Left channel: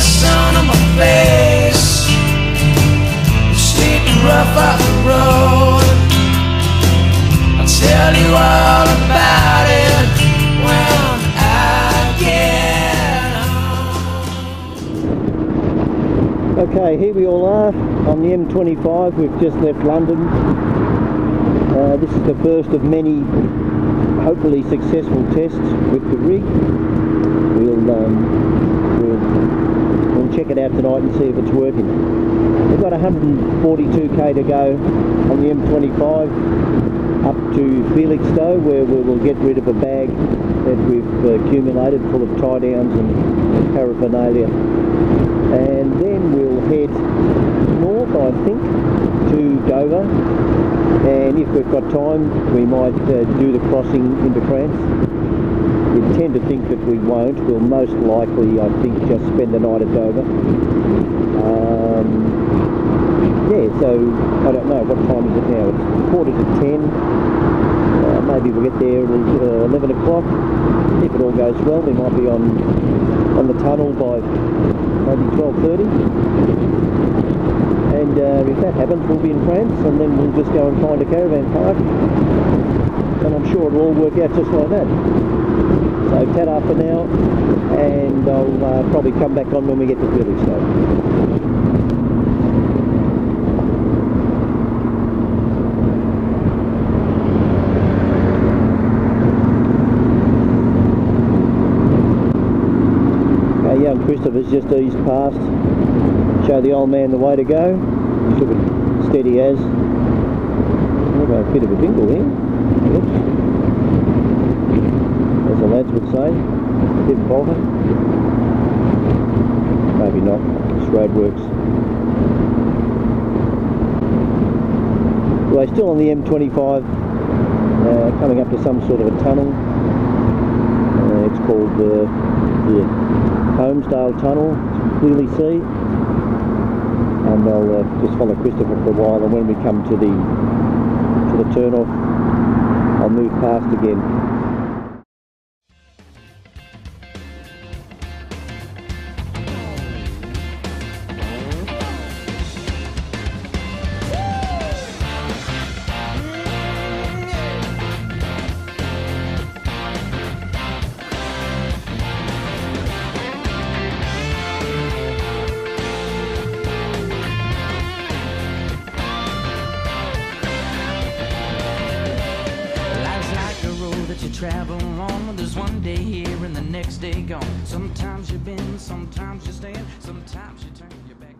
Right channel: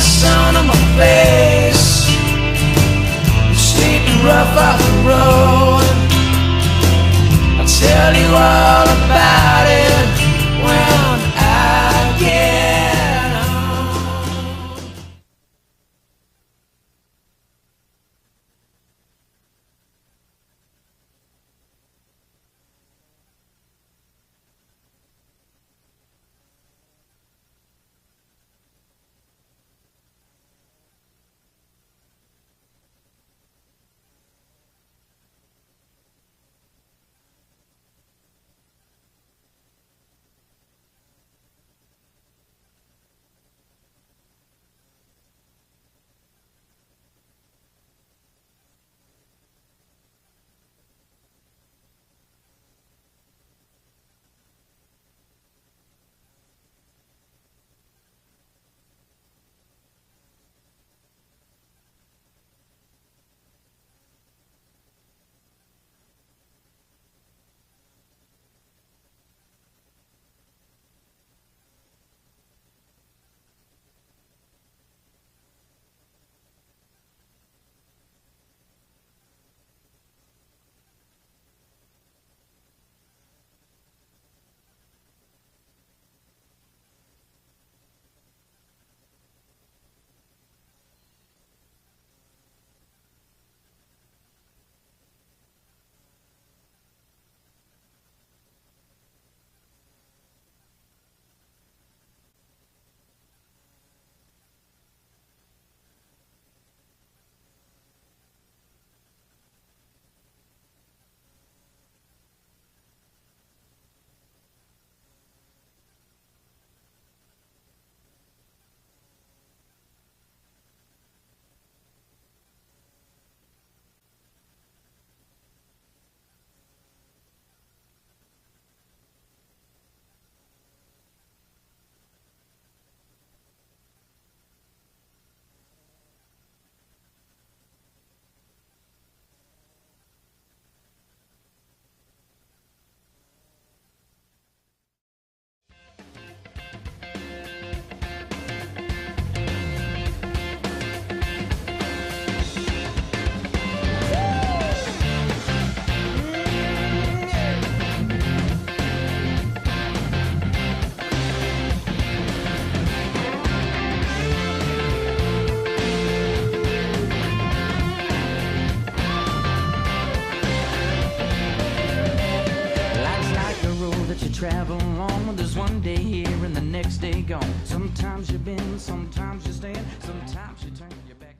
sun on my face, steep and rough off the road. I'll tell you all about it when I get home. Okay, here we all are on the M25. We've just left London. This is the first of many hopefully successful tests with the rig. We'll check it out tonight and see if it's working. We've got 142k to go on the M25 up to Felixstowe, where we will get rid of a bag that we've accumulated full of tie downs and paraphernalia, and then we'll head north, I think, to Dover, and if we've got time we might do the crossing into France. We tend to think that we won't. We'll most likely, I think, just spend the night at Dover. Yeah, so I don't know, what time is it now? It's 9:45. Maybe we'll get there at 11 o'clock. If it all goes well, we might be on the tunnel by maybe 12:30. And if that happens, we'll be in France, and then we'll just go and find a caravan park. And I'm sure it'll all work out just like that. So ta-da for now, and I'll probably come back on when we get to Felixstowe. Young Christopher's just eased past, show the old man the way to go. He took it steady as. We've got a bit of a dingle here. Oops. As the lads would say, didn't falter. Maybe not, this road works. We're still on the M25, coming up to some sort of a tunnel. It's called the Holmesdale Tunnel, you can clearly see, and I'll just follow Christopher for a while, and when we come to the turn off, I'll move past again. That you travel along, there's one day here and the next day gone. Sometimes you bend, sometimes you stand, sometimes you turn your back.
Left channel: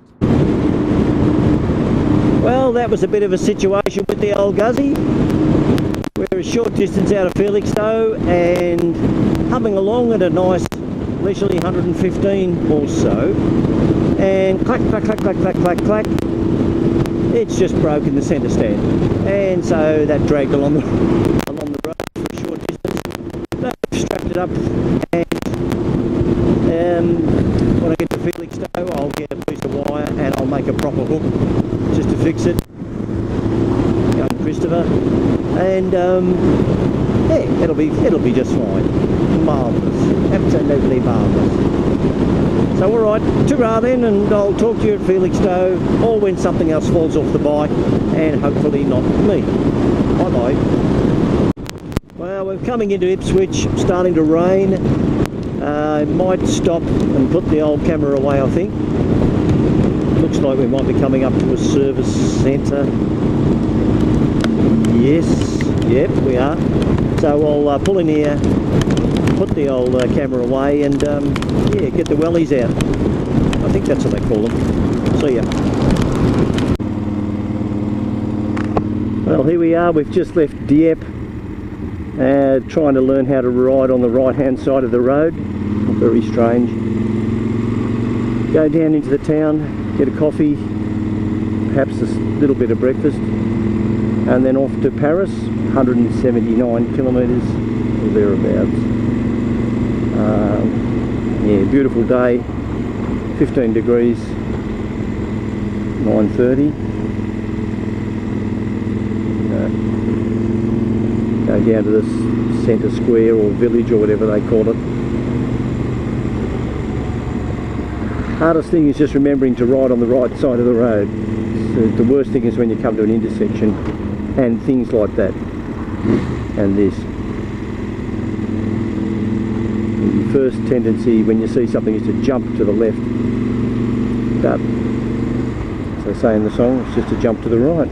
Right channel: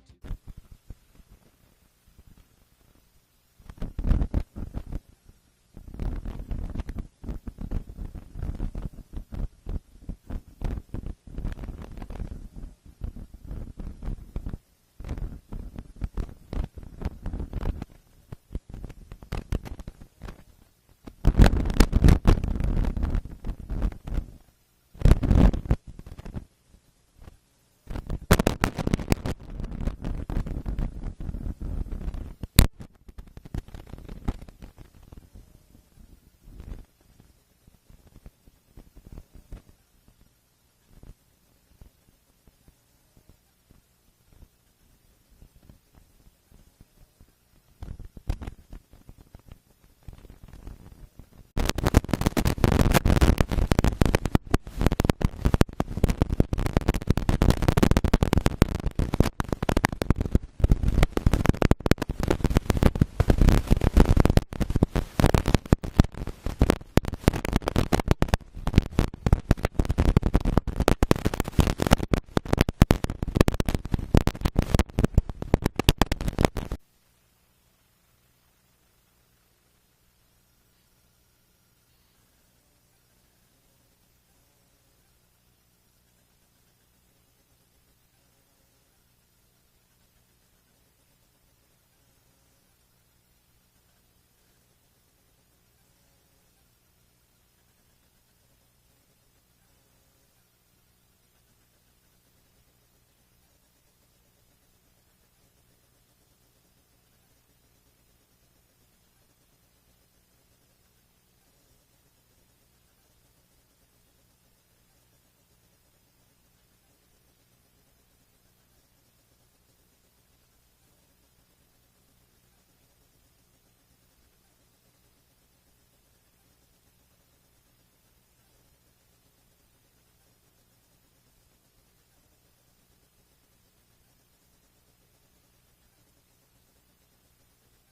Well, that was a bit of a situation with the old Guzzy. We're a short distance out of Felixstowe and humming along at a nice leisurely 115 or so, and clack, clack, clack, clack, clack, clack, clack. It's just broken the centre stand, and so that dragged along the road for a short distance. I've strapped it up, and when I get to Felixstowe, I'll get a piece of wire and I'll make a proper hook just to fix it. Young Christopher, and yeah, it'll be just fine. Marvellous, absolutely marvellous. So alright, ta-ra then, and I'll talk to you at Felixstowe, or when something else falls off the bike, and hopefully not me. Bye bye. Well, we're coming into Ipswich, starting to rain. I might stop and put the old camera away, I think. Looks like we might be coming up to a service centre. Yes, yep, we are. So I'll pull in here, put the old camera away, and yeah, get the wellies out. I think that's what they call them. See ya. Well, here we are. We've just left Dieppe, trying to learn how to ride on the right hand side of the road. Very strange. Go down into the town, get a coffee, perhaps a little bit of breakfast, and then off to Paris, 179 kilometres or thereabouts. Yeah, beautiful day, 15 degrees, 9:30. Go down to this centre square or village or whatever they call it. Hardest thing is just remembering to ride on the right side of the road. So the worst thing is when you come to an intersection and things like that. And this. Your first tendency when you see something is to jump to the left. But, as they say in the song, it's just to jump to the right.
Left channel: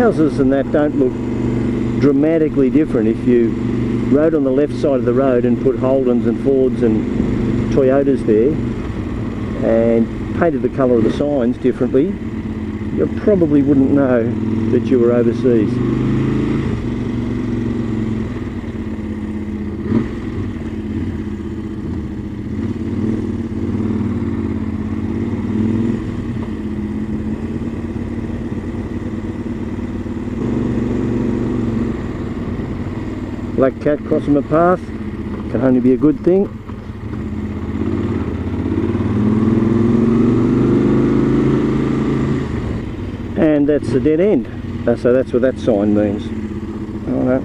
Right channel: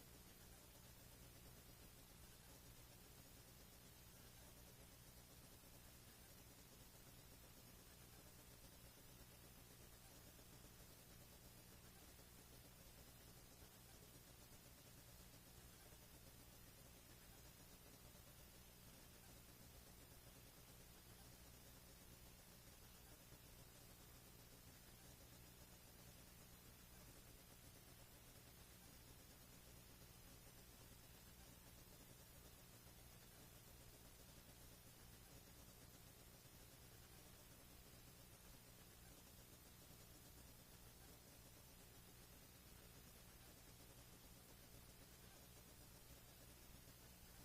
Houses and that don't look dramatically different if you rode on the left side of the road and put Holdens and Fords and Toyotas there and painted the colour of the signs differently. You probably wouldn't know that you were overseas. Black cat crossing my path, can only be a good thing. And that's the dead end, so that's what that sign means. Oh, no.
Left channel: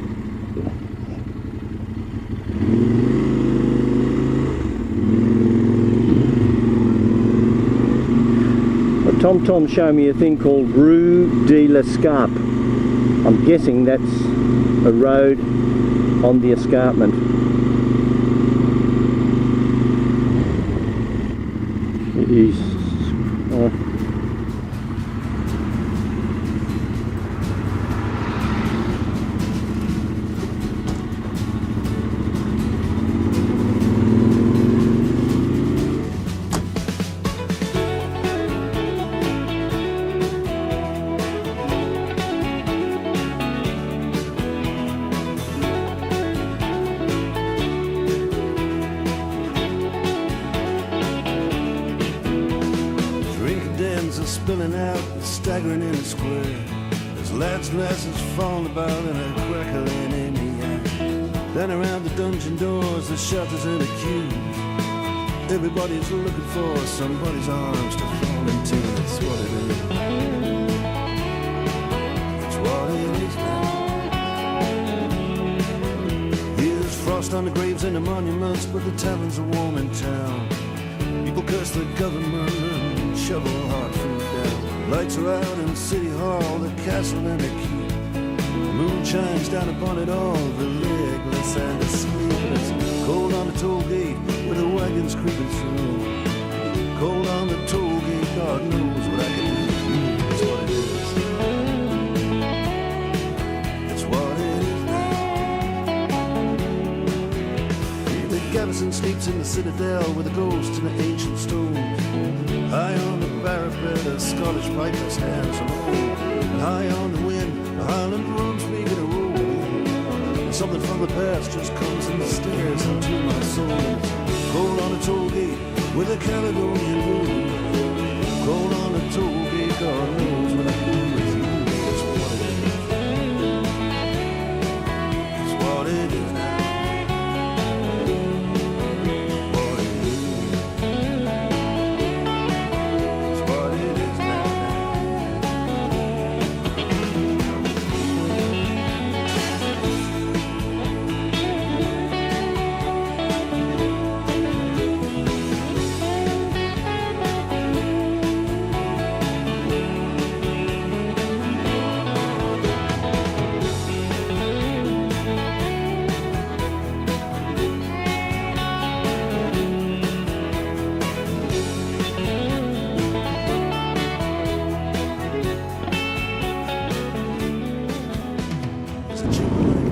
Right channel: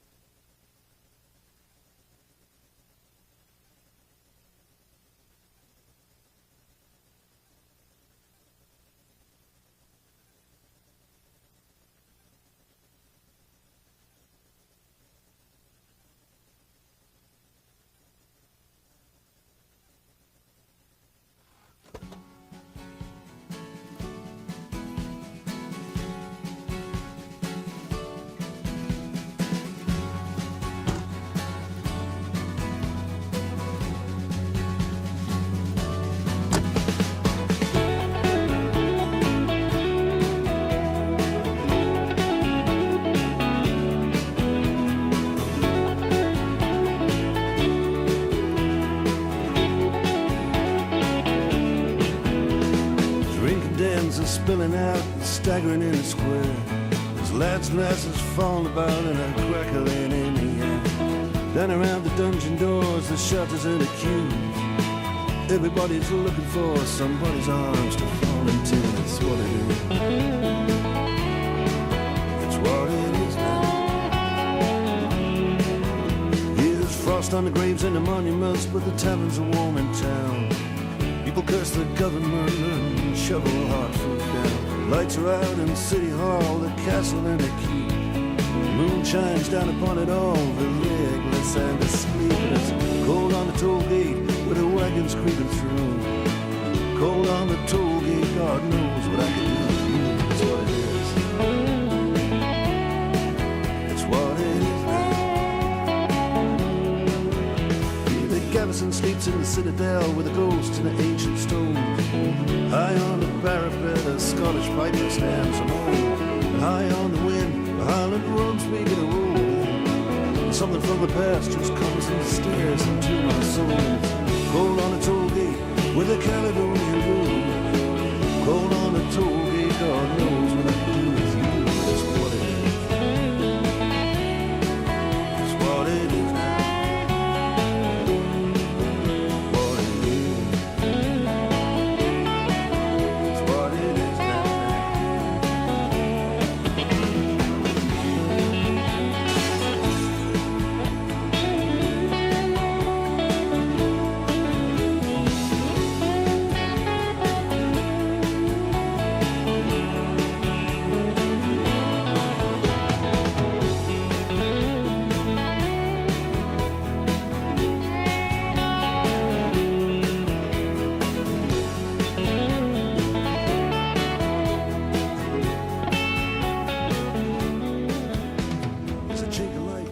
Well, Tom showed me a thing called Rue de l'Escarpe. I'm guessing that's a road on the escarpment. It is. Are spilling out and staggering in the square. There's lads and lasses falling about and a crackling in the air. Down around the dungeon doors, the shelters and the queues. Everybody's looking for somebody's arms to fall into. That's what it is. That's what it is now. Here's frost on the graves and the monuments, but the taverns are warm in town. People curse the government and shovel hard food down. Lights are out in City Hall, the castle and the keep. The moon shines down upon it all, the legless and the sleepless. Cold on the toll gate with the wagons creeping through. Cold on the toll gate, God knows what I can do. That's what it is. That's what it is now. The garrison sleeps in the citadel with the ghosts and the ancient stones. High on the parapet, a Scottish piper stands alone. And high on the wind, the Highland drums begin to roll. And something from the past just comes and stares into my soul. Cold on the toll gate with a Caledonian road. Cold on the toll gate, God knows what I can do with you. That's what it is. That's what it is now.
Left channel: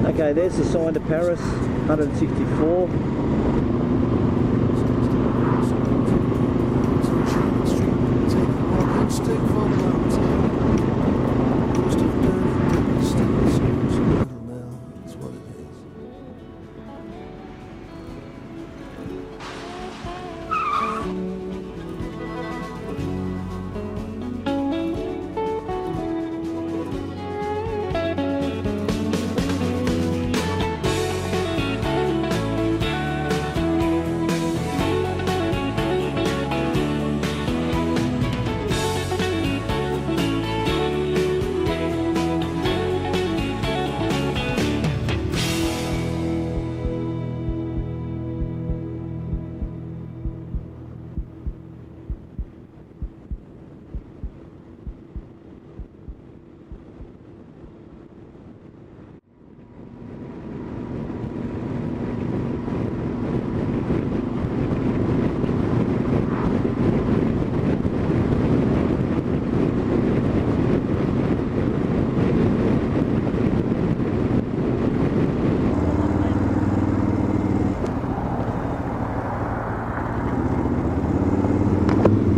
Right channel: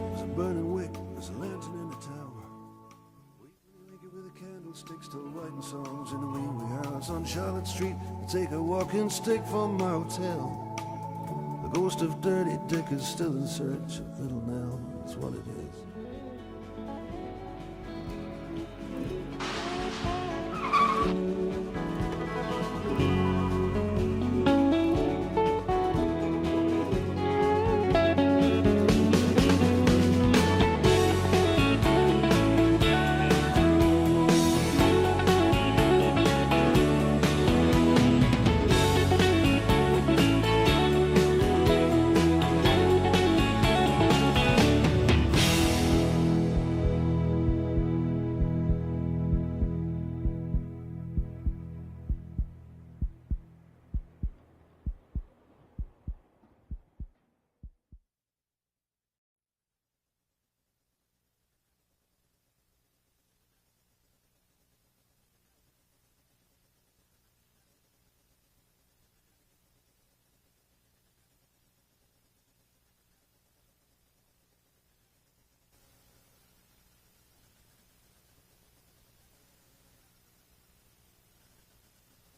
Okay, there's the sign to Paris, 164. On Charlotte Street, take a walking stick for the mountain. Ghost of dirty Dickens still serves a little now. That's what it is.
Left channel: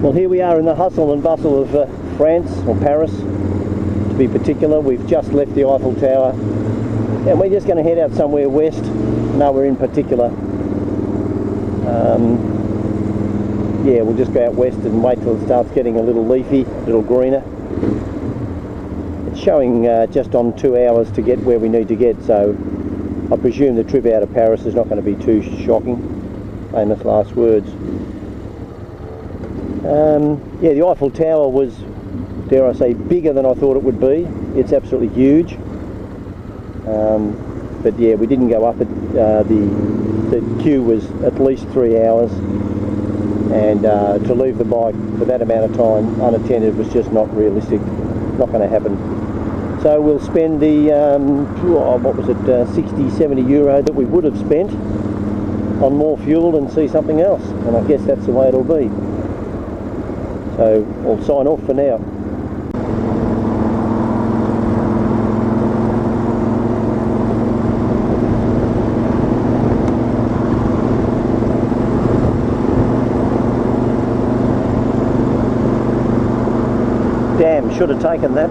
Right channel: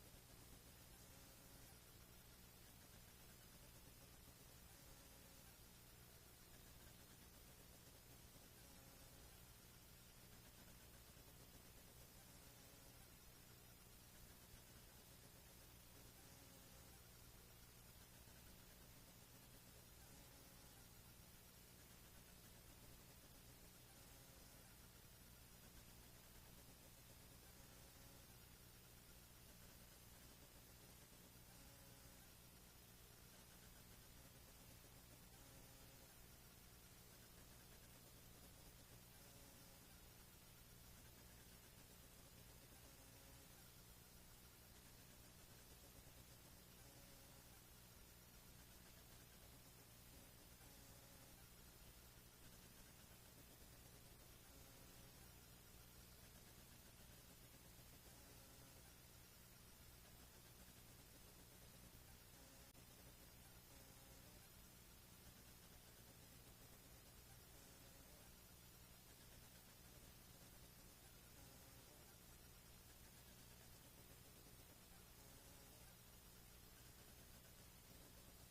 Well, here we are in the hustle and bustle of France, or Paris to be particular. We've just left the Eiffel Tower and we're just going to head out somewhere west, nowhere in particular. Yeah, we'll just go out west and wait till it starts getting a little leafy, a little greener. It's showing just on 2 hours to get where we need to get, so I presume the trip out of Paris is not going to be too shocking. Famous last words. Yeah, the Eiffel Tower was, dare I say, bigger than I thought it would be. It's absolutely huge. But yeah, we didn't go up it. The queue was at least 3 hours, and to leave the bike for that amount of time unattended was just not realistic, not going to happen. So we'll spend the, what was it, 60, 70 euro that we would have spent on more fuel and see something else, and I guess that's the way it'll be. So I'll sign off for now. Damn, should have taken that.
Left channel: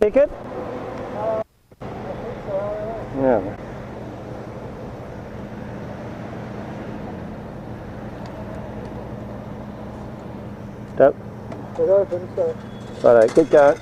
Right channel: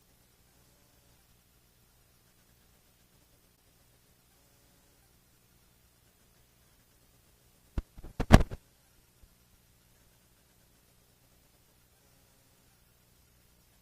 Ticket? Yeah. Nope. It opens, so. Righto, keep going.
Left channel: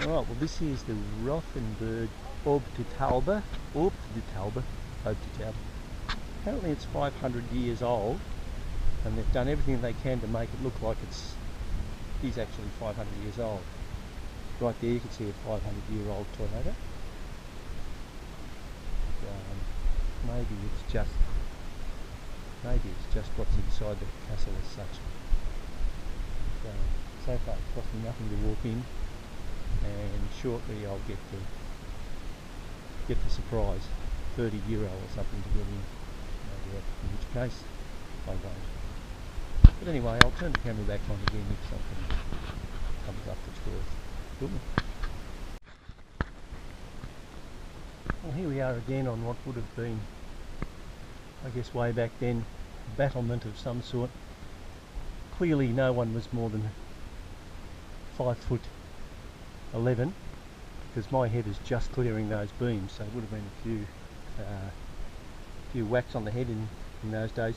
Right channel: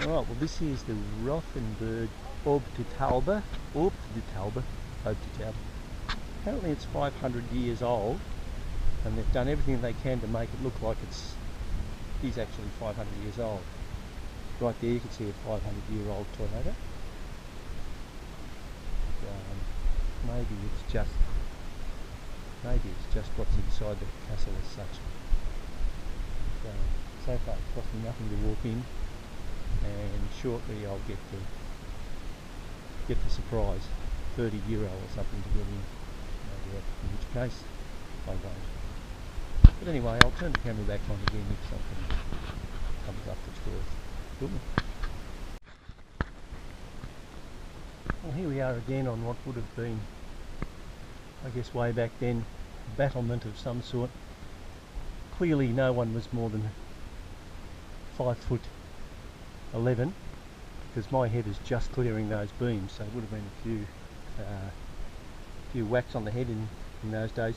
Right, well this is the Rothenburg Aube de Taube. Apparently it's 500 years old, and they've done everything they can to make it look like it is actually 500 years old. Right there you can see a 500-year-old Toyota. Maybe it's just Maybe it's just what's inside the castle as such. So far it's cost me nothing to walk in, and shortly I'll get the surprise, €30 or something to get in, in which case I won't. But anyway, I'll turn the camera back on again if something comes up that's worth filming. Well, here we are again on what would have been, I guess way back then, a battlement of some sort. Clearly no one was more than 5'11", because my head is just clearing those beams, so it would have been a few whacks on the head in those days.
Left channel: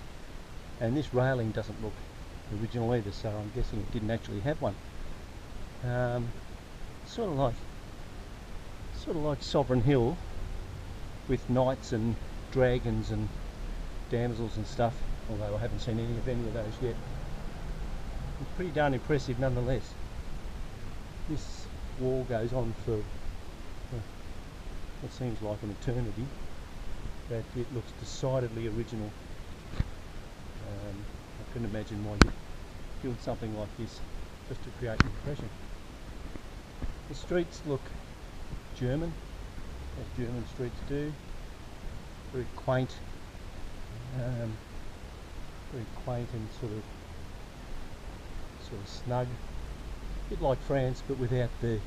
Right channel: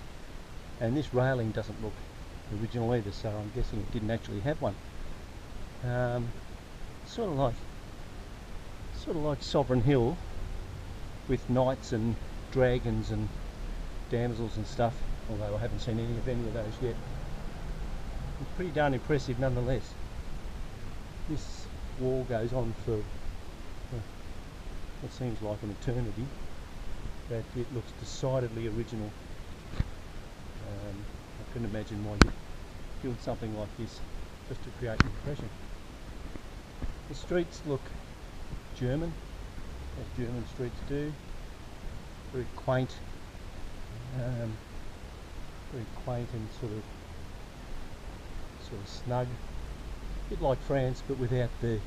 And this railing doesn't look original either, so I'm guessing it didn't actually have one. Sort of like Sovereign Hill, with knights and dragons and damsels and stuff, although I haven't seen any of those yet. It's pretty darn impressive nonetheless. This wall goes on for what seems like an eternity, but it looks decidedly original. I couldn't imagine why you'd build something like this just to create an impression. The streets look German, as German streets do. Very quaint, and sort of snug. A bit like France, but without the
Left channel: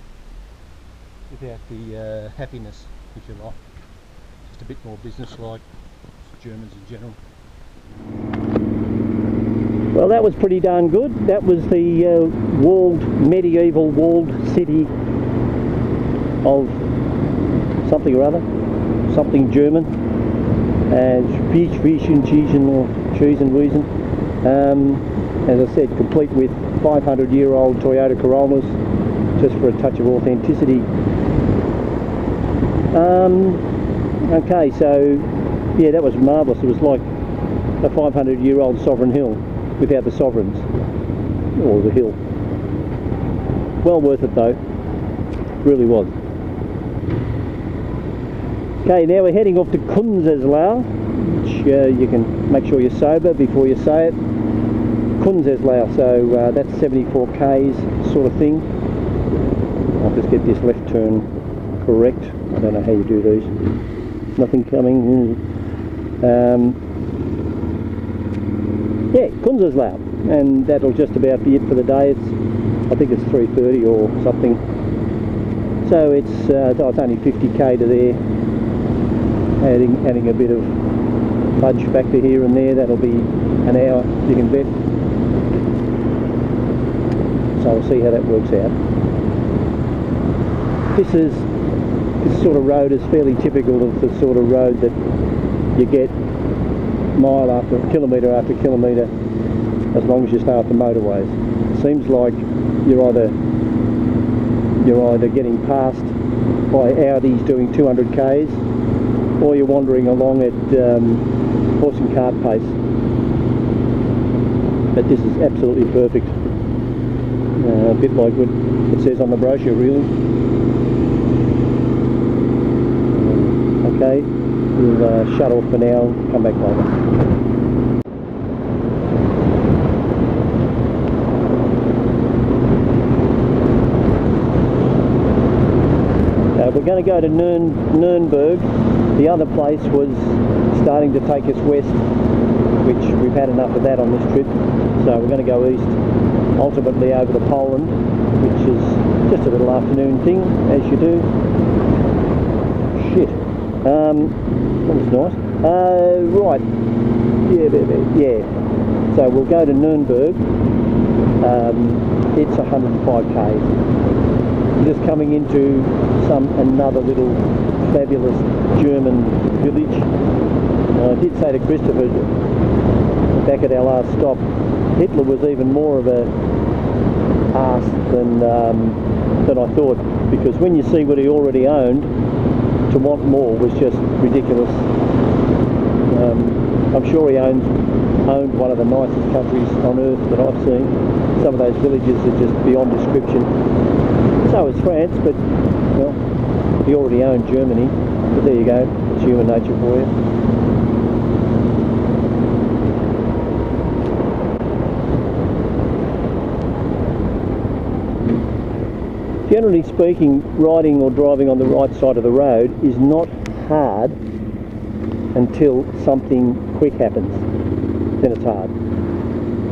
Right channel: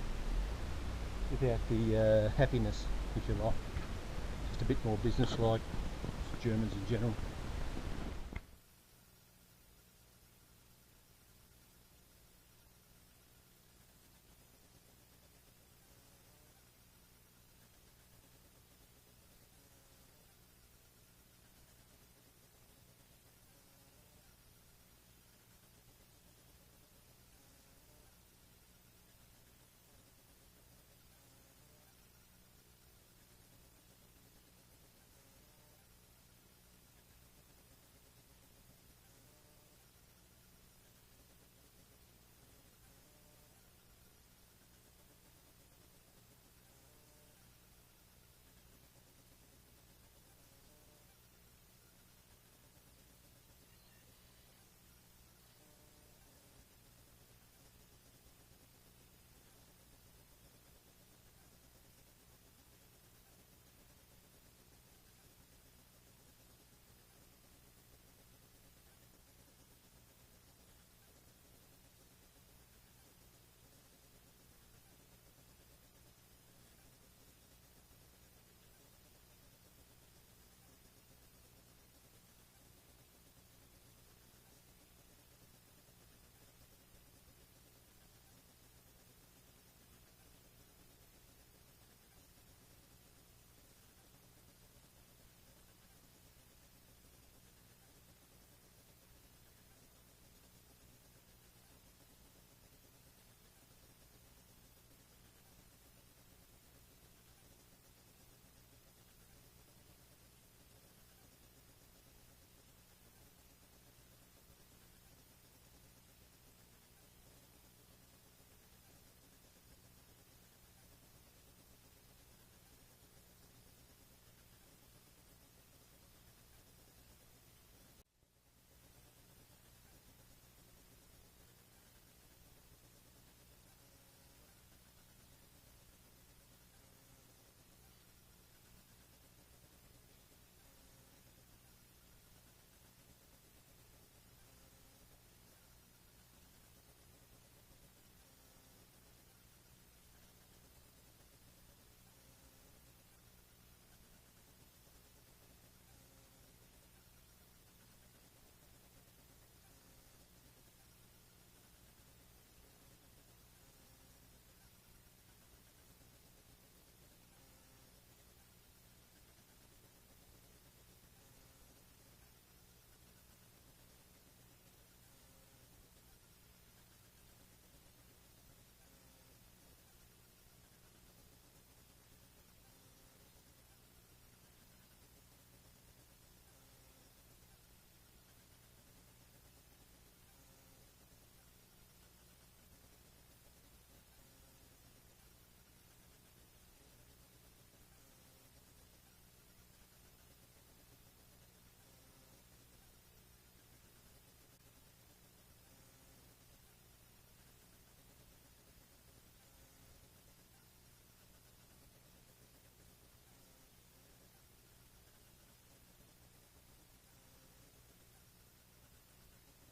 happiness, if you like. Just a bit more business-like. Germans in general. Well, that was pretty darn good. That was the medieval walled city of something or other, something German, Schiessen. As I said, complete with 500-year-old Toyota Corollas, just for a touch of authenticity. Okay, so yeah, that was marvellous. It was like a 500-year-old Sovereign Hill without the sovereigns, or the hill. Well worth it though, really was. Okay, now we're heading off to Künzelsau, which you can make sure you're sober before you say it. Künzelsau, so that's 74 k's sort of thing. I'll just get this left turn correct. I don't know how you do these. Nothing coming. Yeah, Künzelsau, and that'll just about be it for the day. I think it's 3:30 or something. So it's only 50k to there. Adding a bit of fudge back to here and there, that'll be an hour, you can bet. So we'll see how that works out. This sort of road is fairly typical of the sort of road that you get mile after kilometre, as long as you stay off the motorways. It seems like you're either getting passed by Audis doing 200 k's, or you're wandering along at horse and cart pace. But this is absolutely perfect. A bit like what it says on the brochure, really. Okay, we'll shut off for now, come back later. We're going to go to Nürnberg. The other place was starting to take us west, which we've had enough of that on this trip. So we're going to go east, ultimately over to Poland, which is just a little afternoon thing, as you do. Shit. That was nice. Right. Yeah. So we'll go to Nürnberg. It's 105 k's. Just coming into another little fabulous German village. I did say to Christopher back at our last stop, Hitler was even more of a arse than I thought, because when you see what he already owned, to want more was just ridiculous. I'm sure he owned one of the nicest countries on earth that I've seen. Some of those villages are just beyond description. So is France, but well, he already owned Germany. But there you go, it's human nature for you. generally speaking, riding or driving on the right side of the road is not hard until something quick happens. Then it's hard.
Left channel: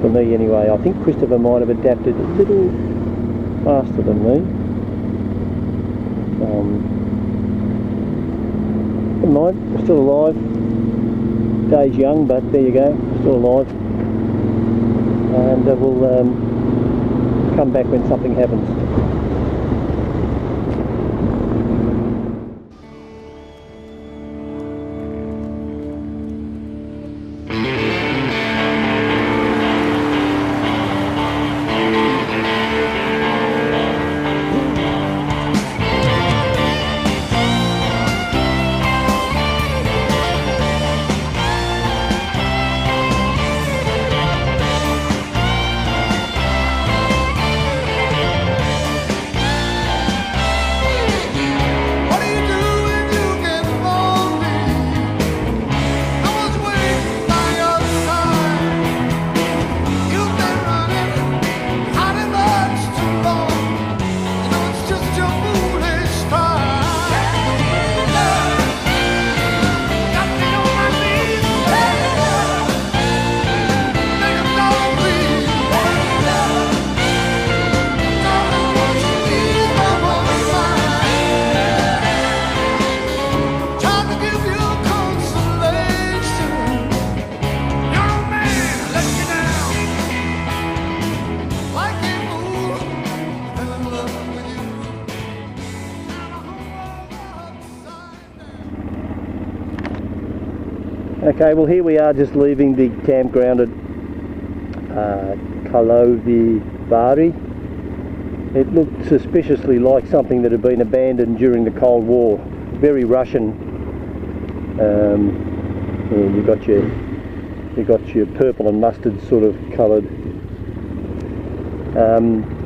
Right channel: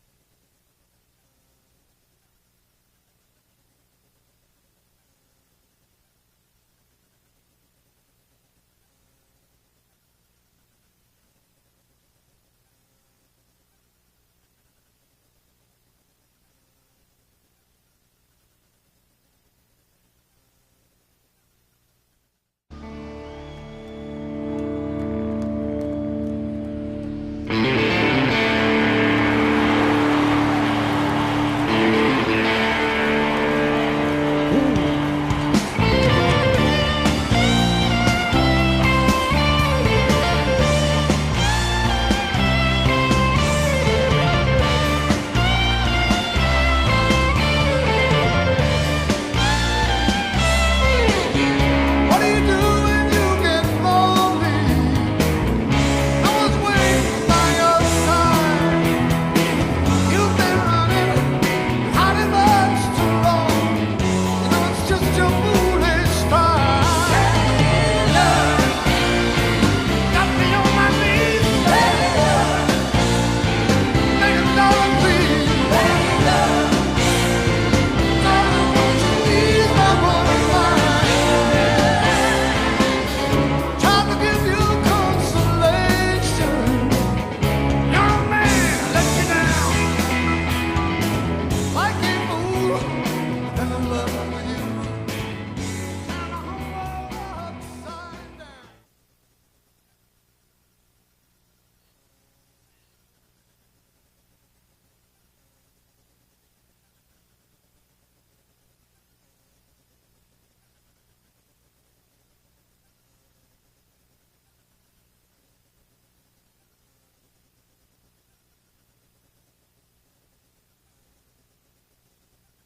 For me anyway. I think Christopher might have adapted a little faster than me. Never mind, we're still alive. Day's young, but there you go, still alive. And we'll come back when something happens. Okay, well here we are just leaving the campground at Karlovy Vary. It looked suspiciously like something that had been abandoned during the Cold War. Very Russian. And you got your purple and mustard sort of coloured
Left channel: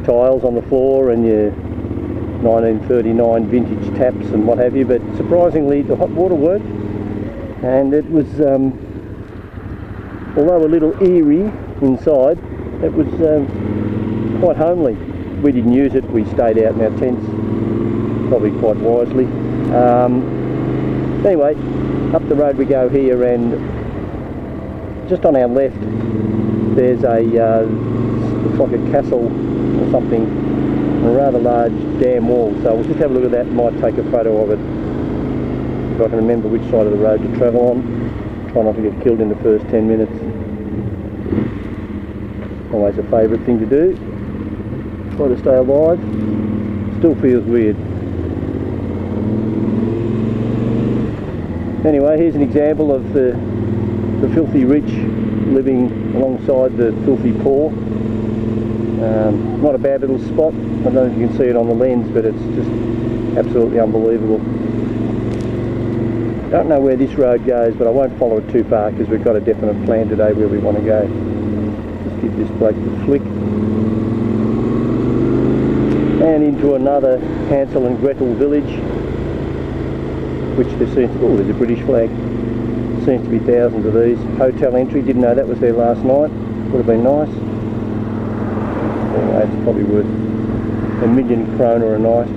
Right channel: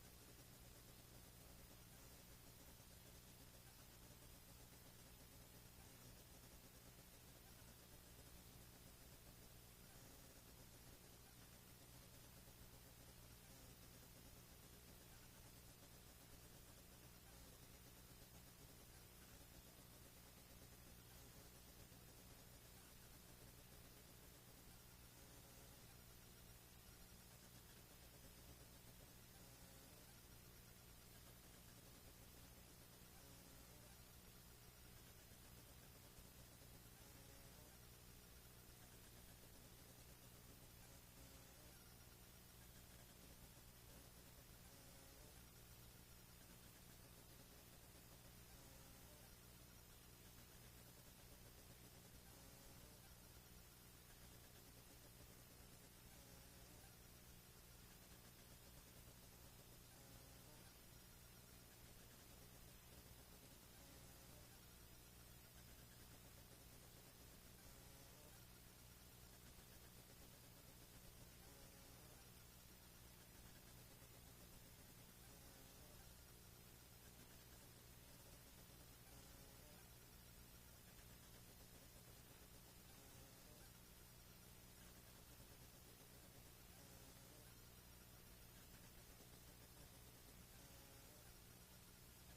tiles on the floor and your 1939 vintage taps and what have you, but surprisingly the hot water worked. And it was, although a little eerie inside, it was quite homely. We didn't use it, we stayed out in our tents, probably quite wisely. Anyway, up the road we go here, and just on our left there's a, looks like a castle or something, a rather large dam wall. So we'll just have a look at that and might take a photo of it. If I can remember which side of the road to travel on. Try not to get killed in the first 10 minutes. Always a favourite thing to do. Try to stay alive. Still feels weird. Anyway, here's an example of the filthy rich living alongside the filthy poor. Not a bad little spot. I don't know if you can see it on the lens, but it's just absolutely unbelievable. Don't know where this road goes, but I won't follow it too far because we've got a definite plan today where we want to go. Just give this bloke the flick. And into another Hansel and Gretel village, which there seems to, oh, there's a British flag. Seems to be thousands of these. Hotel entry, didn't know that was there last night. Would have been nice. Anyway, it's probably worth £1 million kroner a night.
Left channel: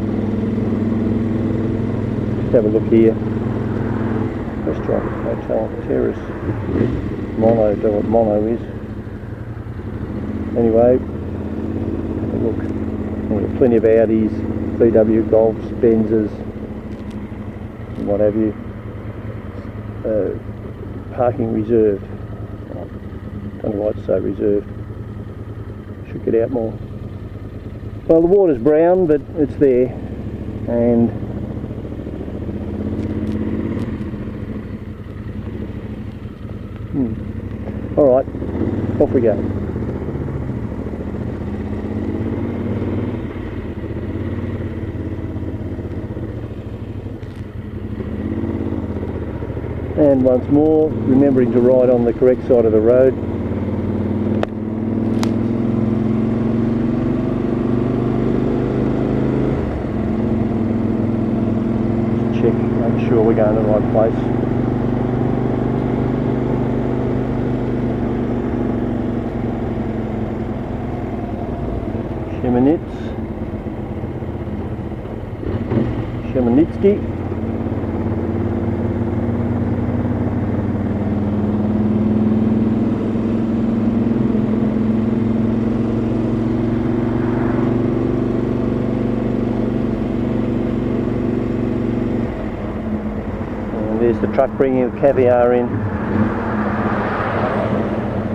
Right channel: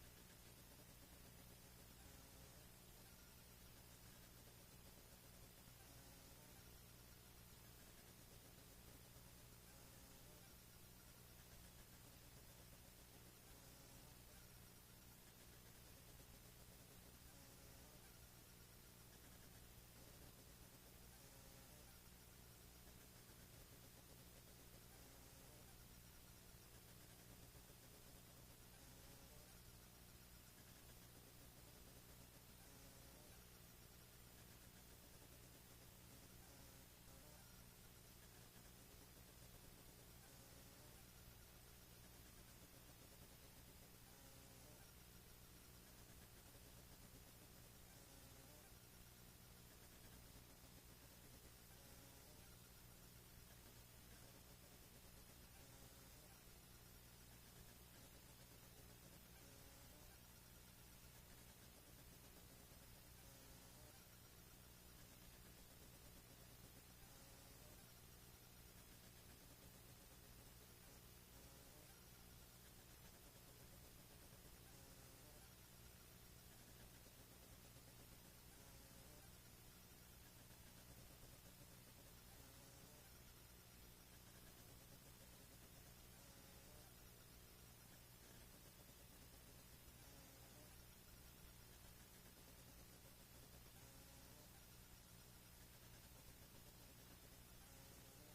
Just have a look here. Restaurant, hotel, terrace, mono, don't know what mono is. Anyway, look, plenty of Audis, VW Golfs, Benzes, and what have you. Parking reserved. Don't know why it's so reserved. Should get out more. Well, the water's brown, but it's there, and alright, off we go. And once more, remembering to ride on the correct side of the road. Check, make sure we're going to the right place. Minutes. whiskey. And there's the truck bringing the caviar in.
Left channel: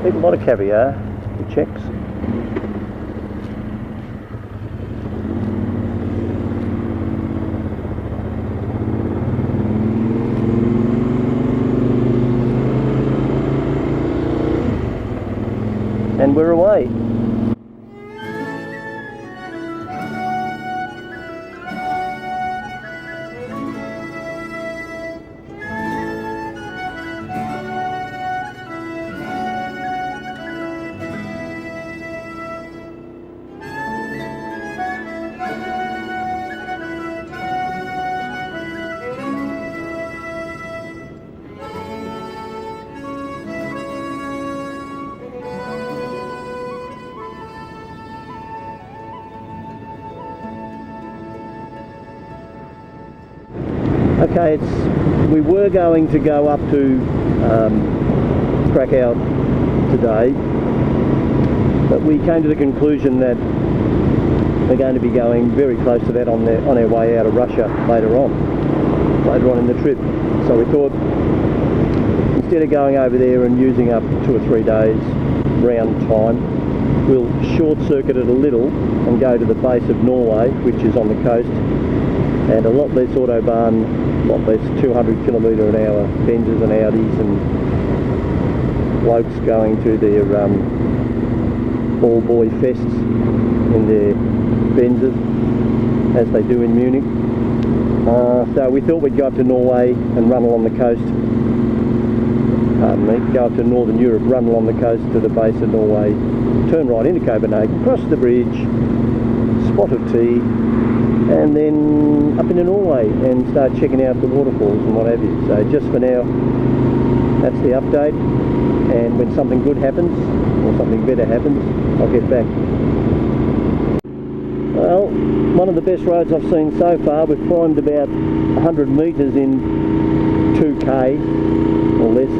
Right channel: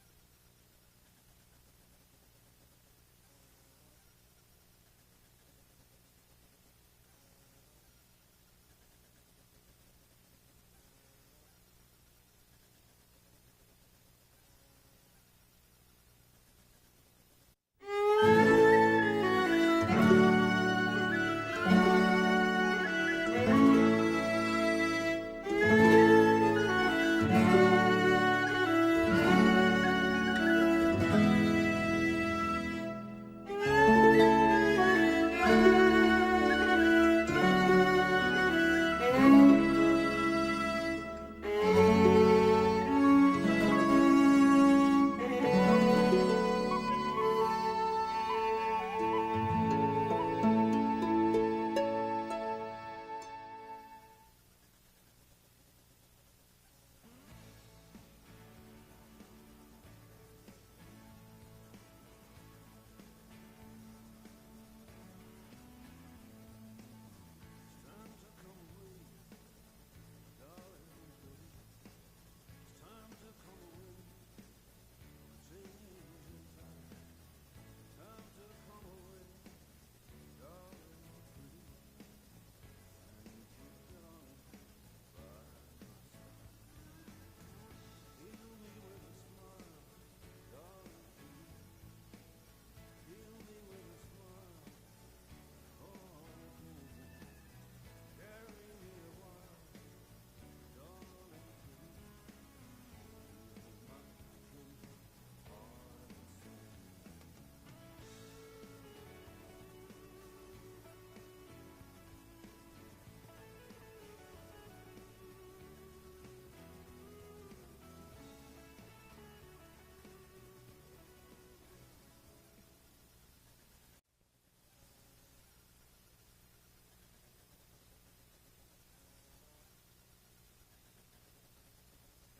Eat a lot of caviar, the Czechs. And we're away. Okay, we were going to go up to Krakow today, but we came to the conclusion that we're going to be going very close to that on our way out of Russia later on in the trip. So we thought, instead of going over there and using up 2 or 3 days round time, we'll short circuit it a little and go to the base of Norway, which is on the coast, and a lot less autobahn, a lot less 200 km/h Benzes and Audis and blokes going to their all-boy fests in their Benzes, as they do in Munich. So we thought we'd go up to Norway and run along the coast, go up to Northern Europe, run along the coast to the base of Norway, turn right into Copenhagen, cross the bridge, spot of tea, and then up into Norway and start checking out the waterfalls and what have you. So just for now, that's the update, and when something good happens or something better happens, I'll get back. Well, one of the best roads I've seen so far. We've climbed about 100 metres in 2k or less.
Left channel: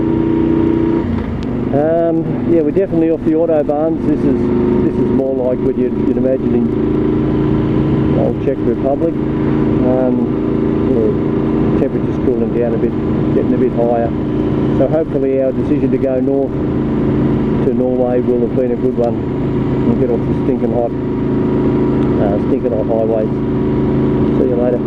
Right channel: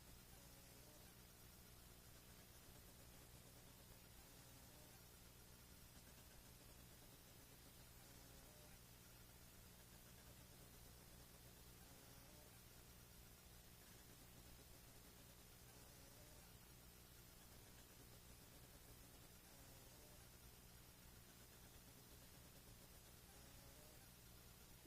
Yeah, we're definitely off the autobahns. This is more like what you'd imagine in old Czech Republic. Yeah, temperature's cooling down a bit, getting a bit higher. So hopefully our decision to go north to Norway will have been a good one and get off the stinking hot highways. See you later.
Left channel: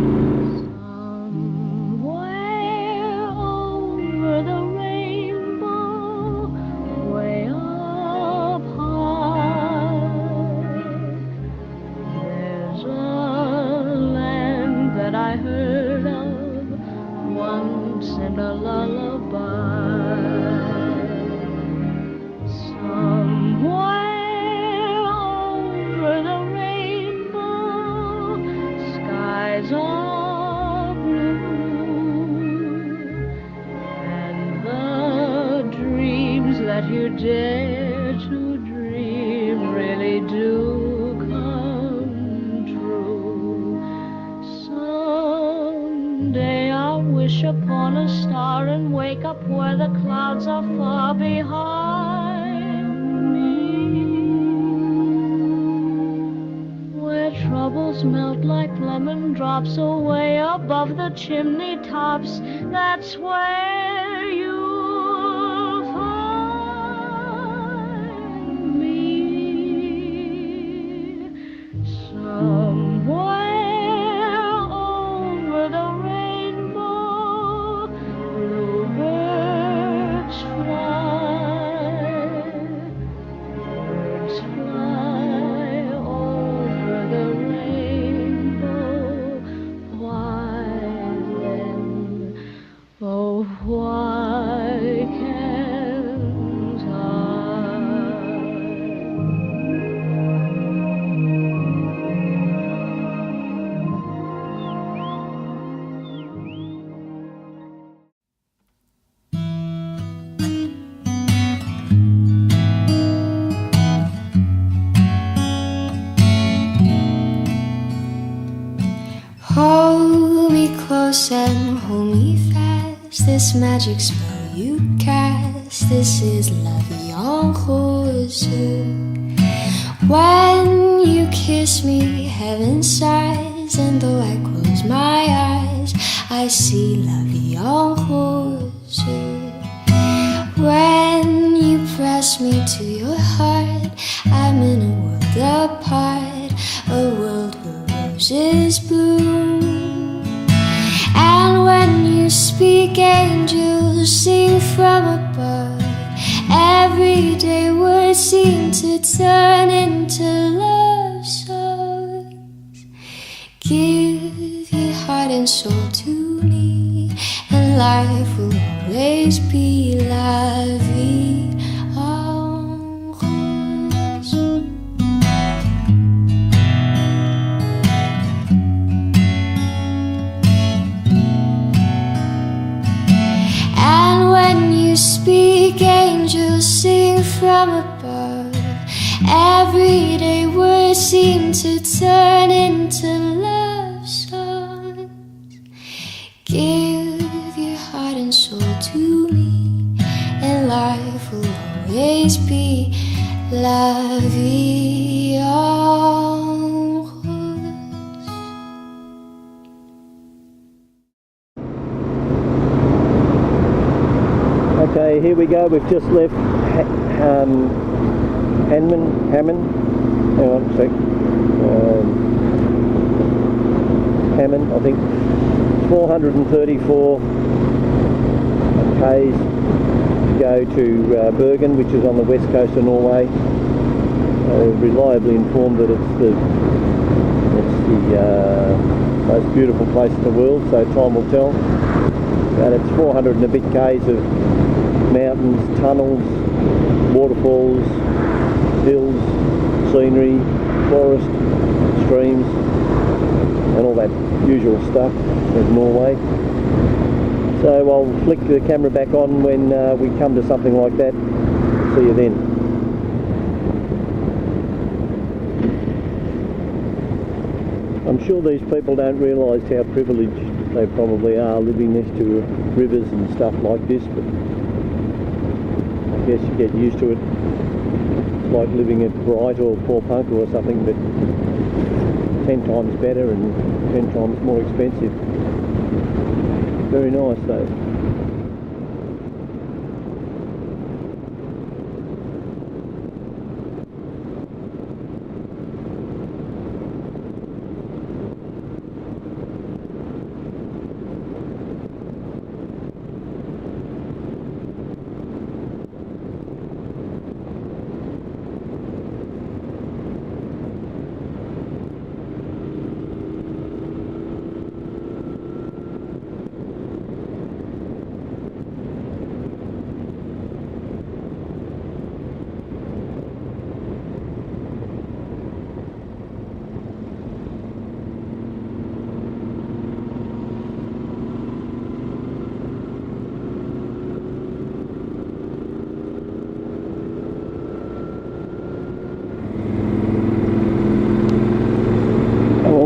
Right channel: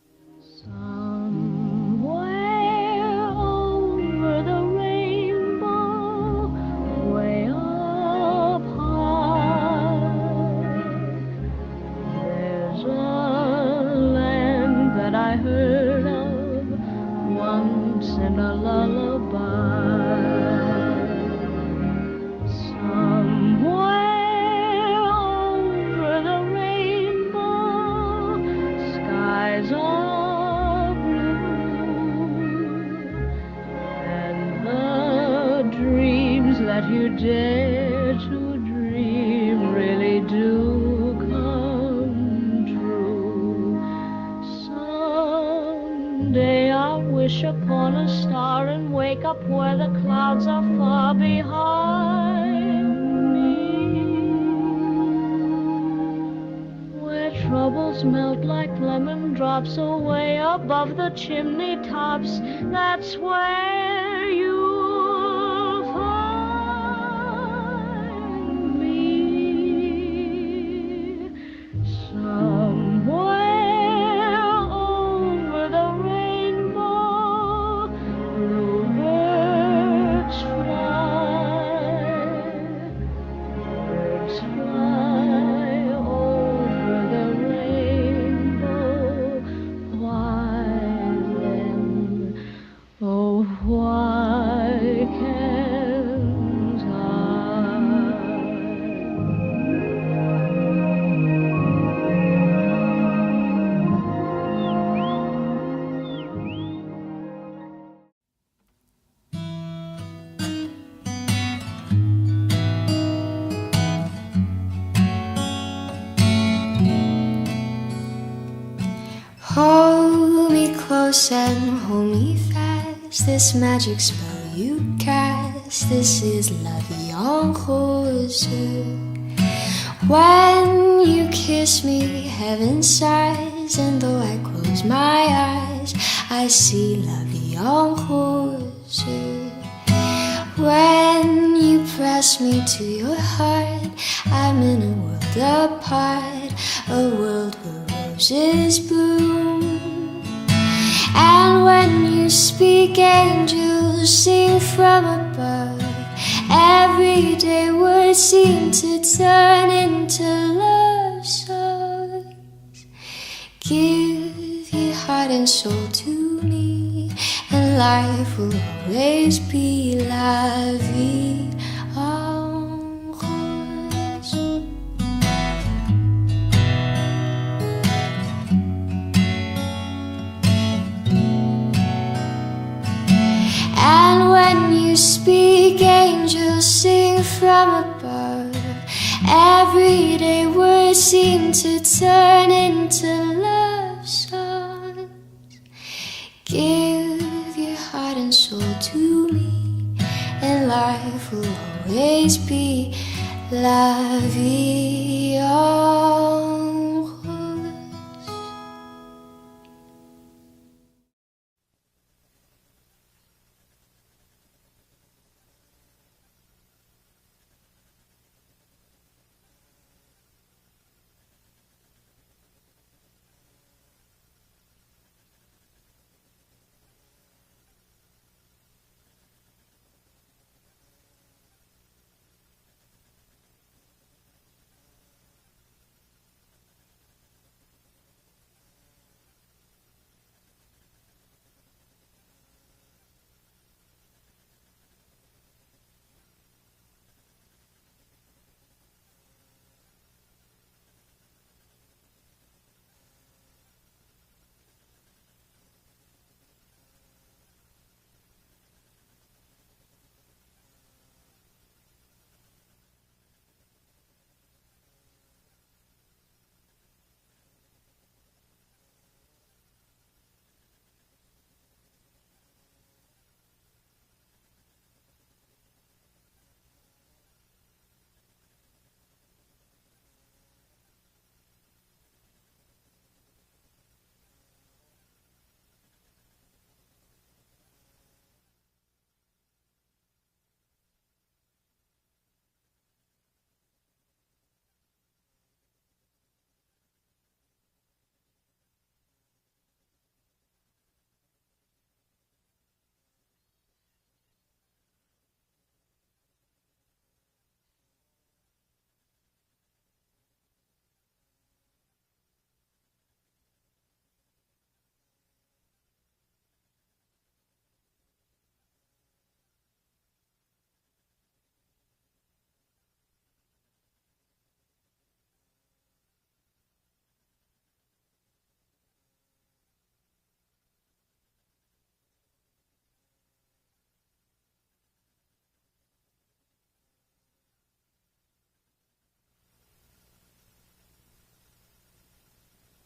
You dare to dream really do come true. Someday I'll wish upon a star and wake up where the clouds are far behind me, where troubles melt like lemon drops away above the chimney tops. That's where you why close and hold me fast. This magic spell you cast, this is la vie en rose. When you kiss me, heaven sighs, and though I close my eyes, I see la vie en rose. When you press me to your heart, I'm in a world apart, a world where roses bloom. And when you speak, angels sing from above. Everyday words seem to turn into love songs. Give your heart and soul to me, and life will always be la vie en rose. And when you speak, angels sing from above. Everyday words seem to turn into love songs. Give your heart and soul to me, and life will always be la vie en rose. Okay, here we go. We've just left Hammond. Hang on a sec. Hammond, I think. 434 k's to go to Bergen, which is on the west coast of Norway. Reliably informed that it's the most beautiful place in the world, so time will tell. But it's 400 and a bit k's of mountains, tunnels, waterfalls, hills, scenery, forest, streams, and all that usual stuff of Norway. So I'll flick the camera back on when we come to something like that. See you then. I'm sure these people don't realise how privileged they probably are living next to rivers and stuff like this, but I guess you get used to it. It's like living at Bright or Port Punker or something, but 10 times better and 10 times more expensive. Very nice though.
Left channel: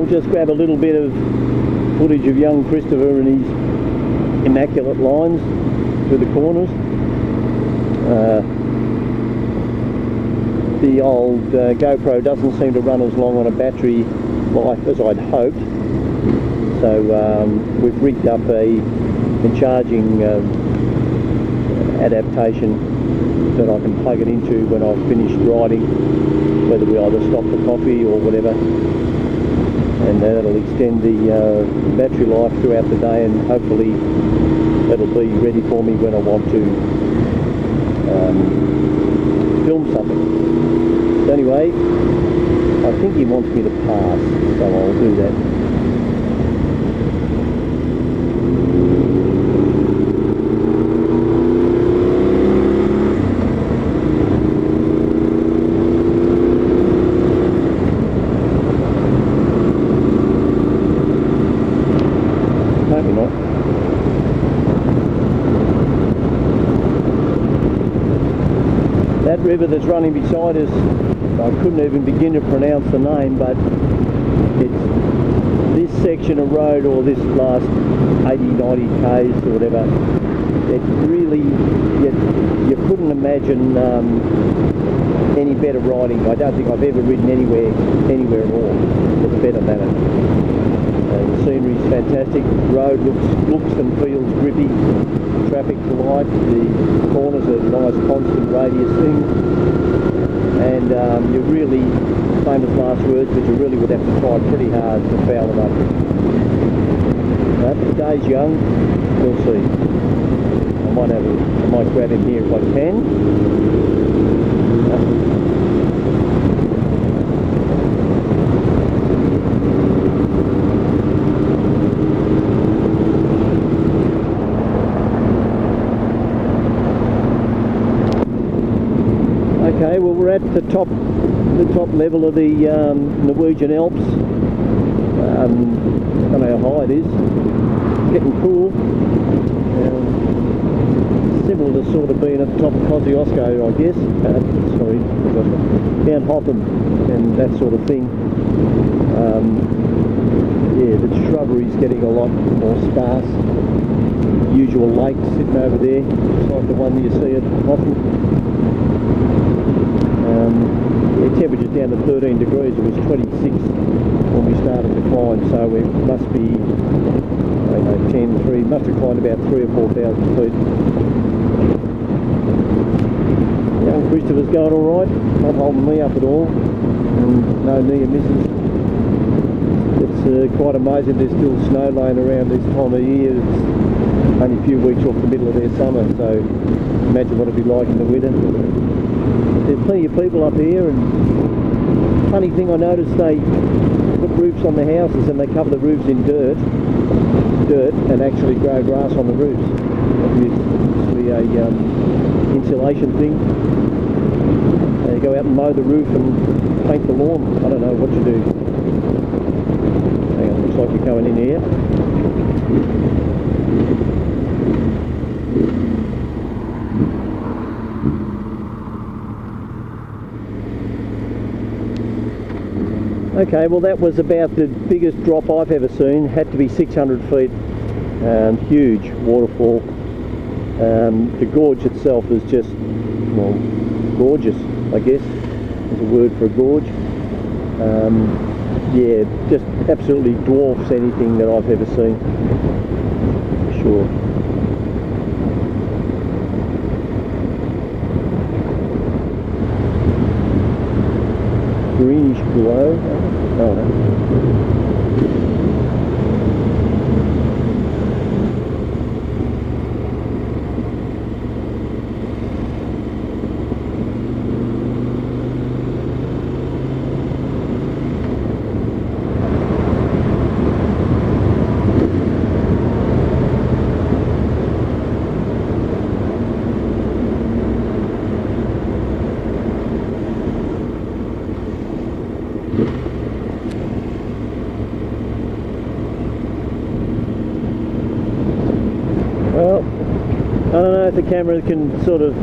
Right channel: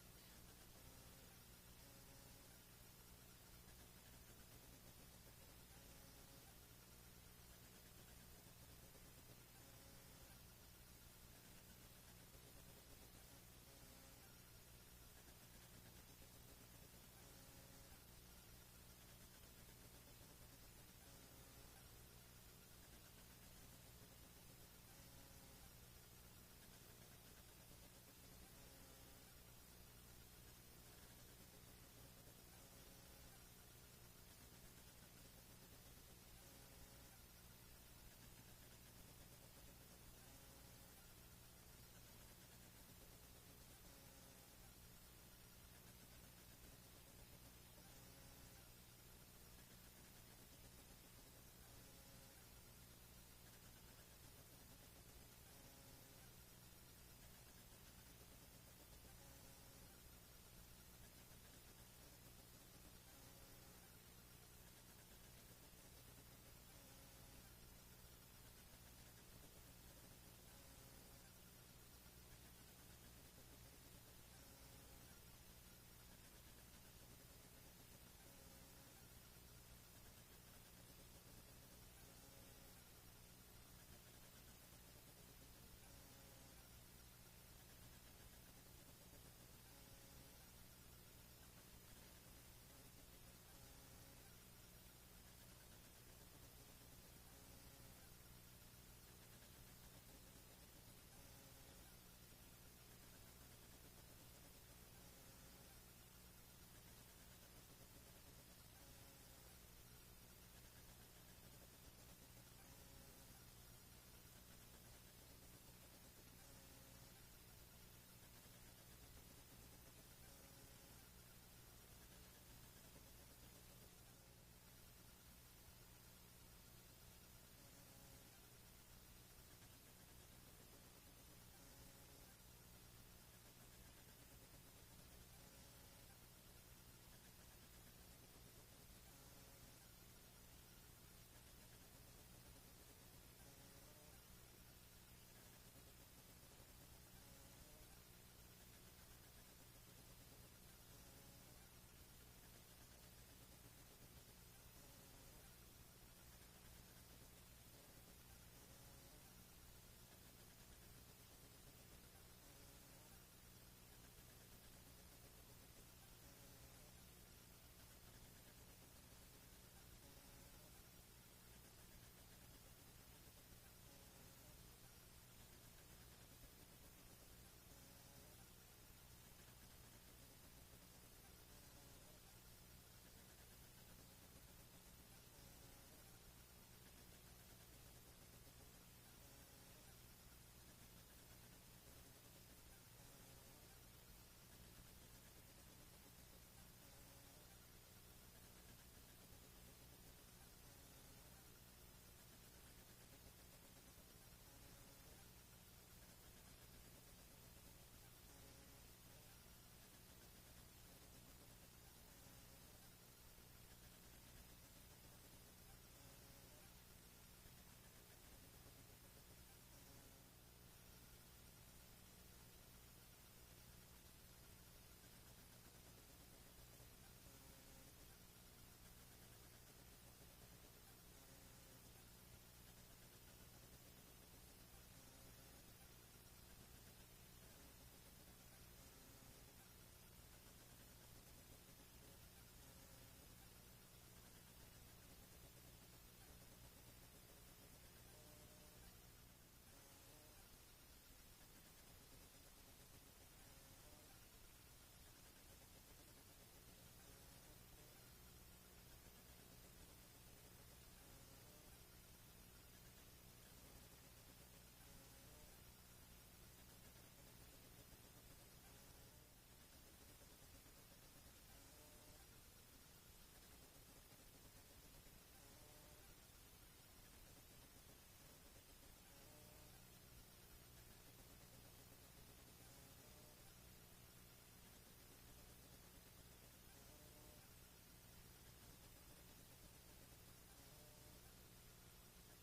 Just grab a little bit of footage of young Christopher and his immaculate lines through the corners. The old GoPro doesn't seem to run as long on a battery life as I'd hoped, so we've rigged up a charging adaptation that I can plug it into when I've finished riding, whether we either stop for coffee or whatever. And that'll extend the battery life throughout the day, and hopefully that'll be ready for me when I want to film something. So anyway, I think he wants me to pass, so I'll do that. That river that's running beside us, I couldn't even begin to pronounce the name, but it's this section of road, or this last 80, 90 k's or whatever. It really, you couldn't imagine any better riding. I don't think I've ever ridden anywhere at all that's better than it. The scenery's fantastic. Road looks and feels grippy. Traffic's light. The corners are nice constant radius things. And you really, famous last words, but you really would have to try pretty hard to foul them up. But the day's young. We'll see. I might grab him here if I can. Okay, well we're at the top level of the Norwegian Alps. I don't know how high it is. It's getting cool. Similar to sort of being at the top of Kosciuszko, I guess. Sorry, Mount Hotham and that sort of thing. Yeah, the shrubbery's getting a lot more sparse. Usual lake sitting over there, just like the one that you see at Hotham. The temperature's down to 13 degrees. It was 26 when we started to climb, so we must be, I don't know, 10, 3, must have climbed about 3,000 or 4,000 feet. Young Christopher's going all right, not holding me up at all, and no near misses. It's quite amazing there's still snow laying around this time of year. It's only a few weeks off the middle of their summer, so imagine what it'd be like in the winter. There's plenty of people up here, and funny thing I noticed, they put roofs on the houses and they cover the roofs in dirt and actually grow grass on the roofs. Obviously a insulation thing. They go out and mow the roof and paint the lawn. I don't know what you do. Hang on, looks like you're coming in here. Okay, well that was about the biggest drop I've ever seen. Had to be 600 feet. Huge waterfall. The gorge itself is just, well, gorgeous, I guess is a word for a gorge. Yeah, just absolutely dwarfs anything that I've ever seen, for sure. Greenish glow. Oh no. Well, I don't know if the camera can sort of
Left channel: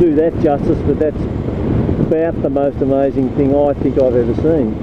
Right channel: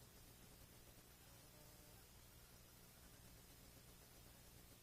do that justice, but that's about the most amazing thing I think I've ever seen.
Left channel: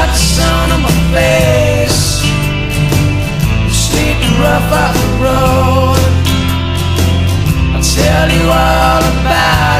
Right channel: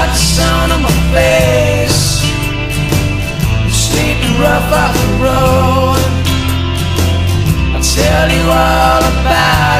got the sun on my face, I'm sleeping rough off the road. I'll tell you all about